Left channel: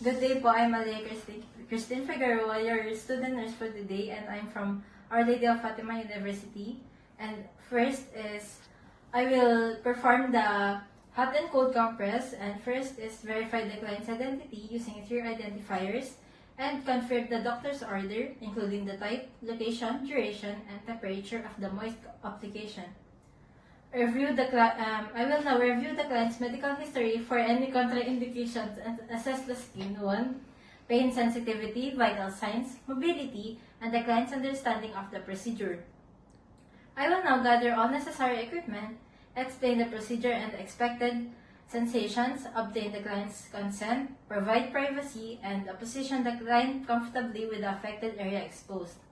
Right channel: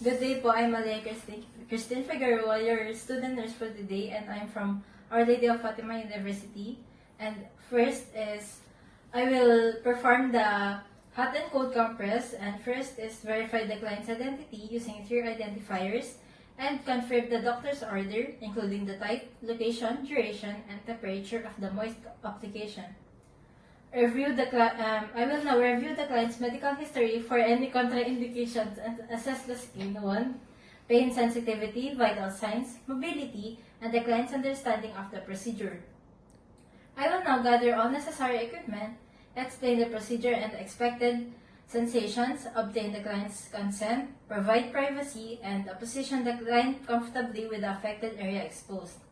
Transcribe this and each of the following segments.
Good day po, I'm Malia Christine Figueroa, your student nurse for today, and I'm from Our Lady of Fatima University. And first is, I will perform the hot and cold compress, and first is verify the client's identity using 3 identifiers, and confirm the doctor's order, including the type, location, duration, and temperature of the moist application. I will now review the client's medical history for any contraindications and assess the skin 1, pain sensitivity, vital signs, mobility, and the client's understanding of the procedure. I will now gather all necessary equipment, explain the procedure and the expected sensations, obtain the client's consent, provide privacy, and position the client comfortably with the affected area exposed.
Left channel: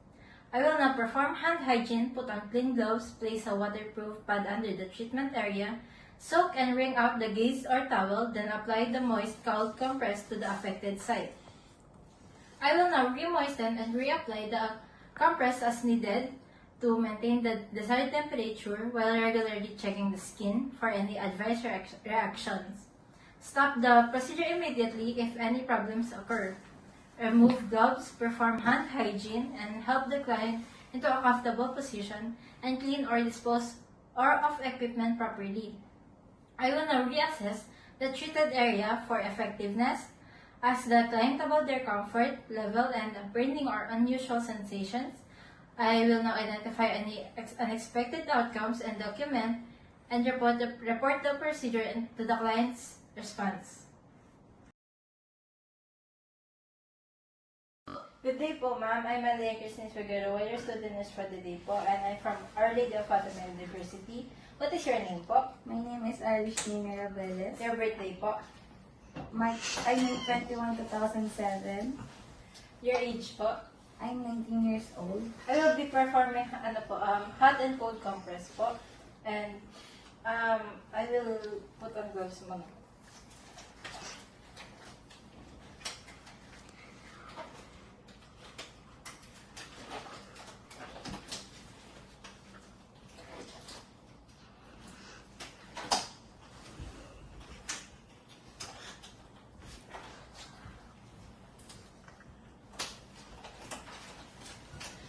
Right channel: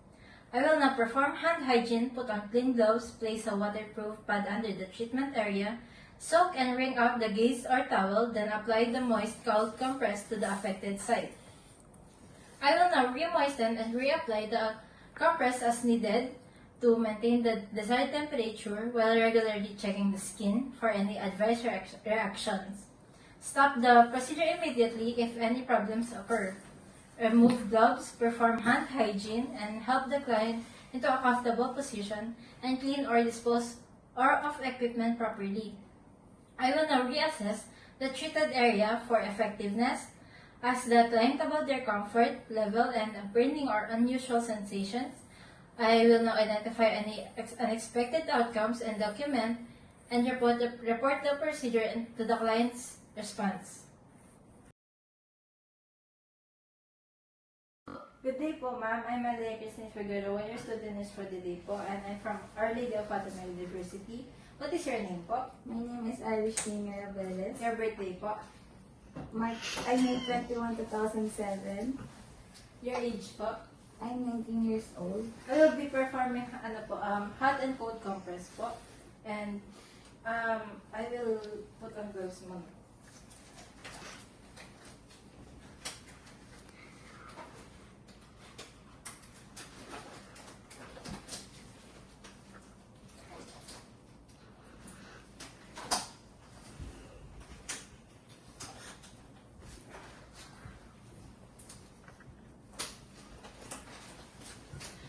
I will now perform hand hygiene, put on clean gloves, place a waterproof pad under the treatment area, soak and wring out the gauze or towel, then apply the moist cold compress to the affected site. I will now re-moisten and reapply the compress as needed to maintain the desired temperature while regularly checking the skin for any adverse reactions. Stop the procedure immediately if any problems occur. Remove gloves, perform hand hygiene, and help the client into a comfortable position and clean or dispose of equipment properly. I will now reassess the treated area for effectiveness, ask the client about their comfort level and burning or unusual sensations. I will now identify any unexpected outcomes and document and report the procedure to the client's response. Good day po, ma'am. I'm Malia Christine Figueroa, your student nurse for the day po, and I'm from Our Lady of Fatima University. What is your name po? My name is Irish Mirabelez. Your birthday po? I'm 21, 2007. Your age po? I'm 19 years old. I will be performing hot and cold compress po, and I will put on gloves muna.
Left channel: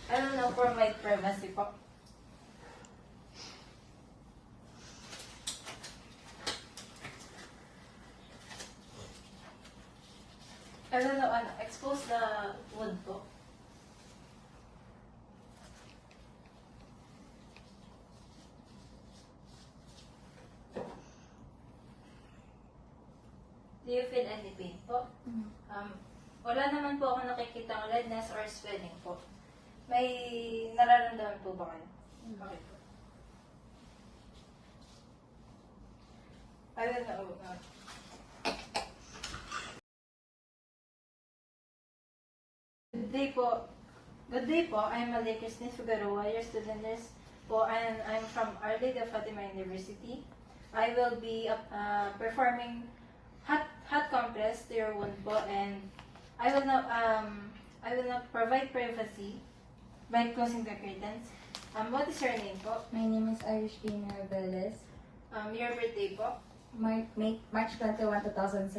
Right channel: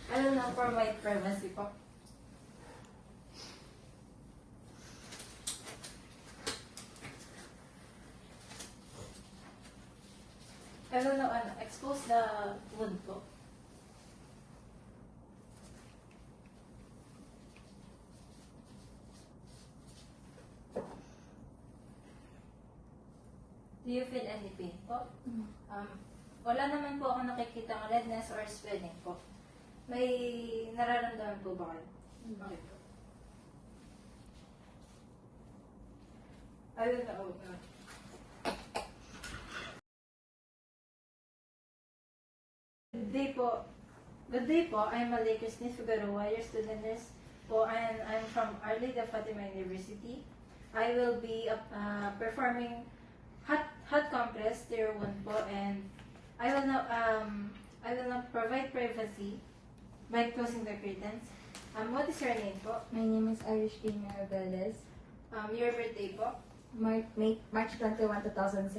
I will now provide privacy po. I will now expose the wound po. Do you feel any pain po? Wala naman po ako nakikitang redness or swelling po. May nararamdaman po ba kayo? Okay po. I will now. Good day po. Good day po. I'm Malia Christine Figueroa, your student nurse po, and I'm from Our Lady of Fatima University. I will be performing hot compress to your wound po, and I will not provide privacy by closing the curtains. What is your name po? My name is Irish Mirabelez. Your birthday po? March 21, 2007.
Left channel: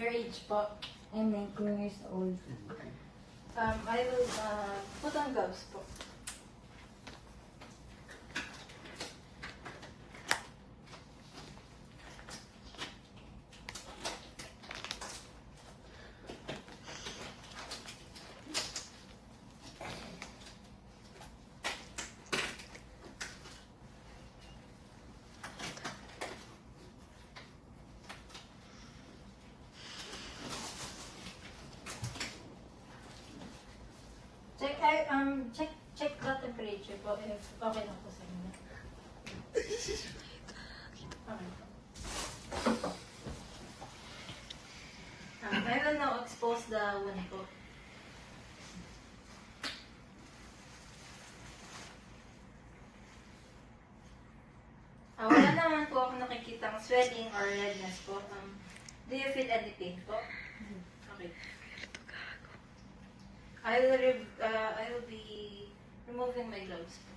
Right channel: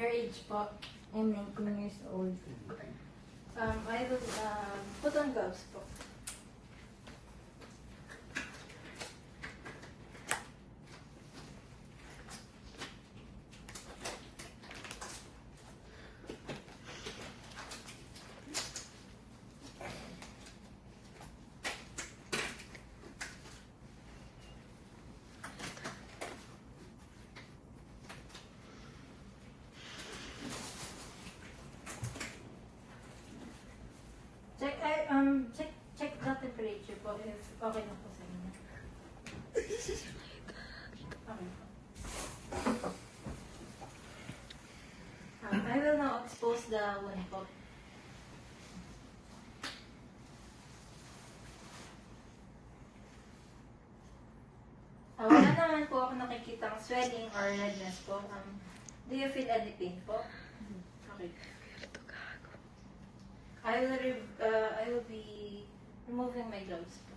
Your age po? I'm 19 years old. I will put on gloves po. Check the temperature po if okay na po sa inyo. Okay. I will now expose the wound po. Wala naman po ako nakikitang swelling or redness po. Do you feel any pain po? Okay. I will be removing my gloves po.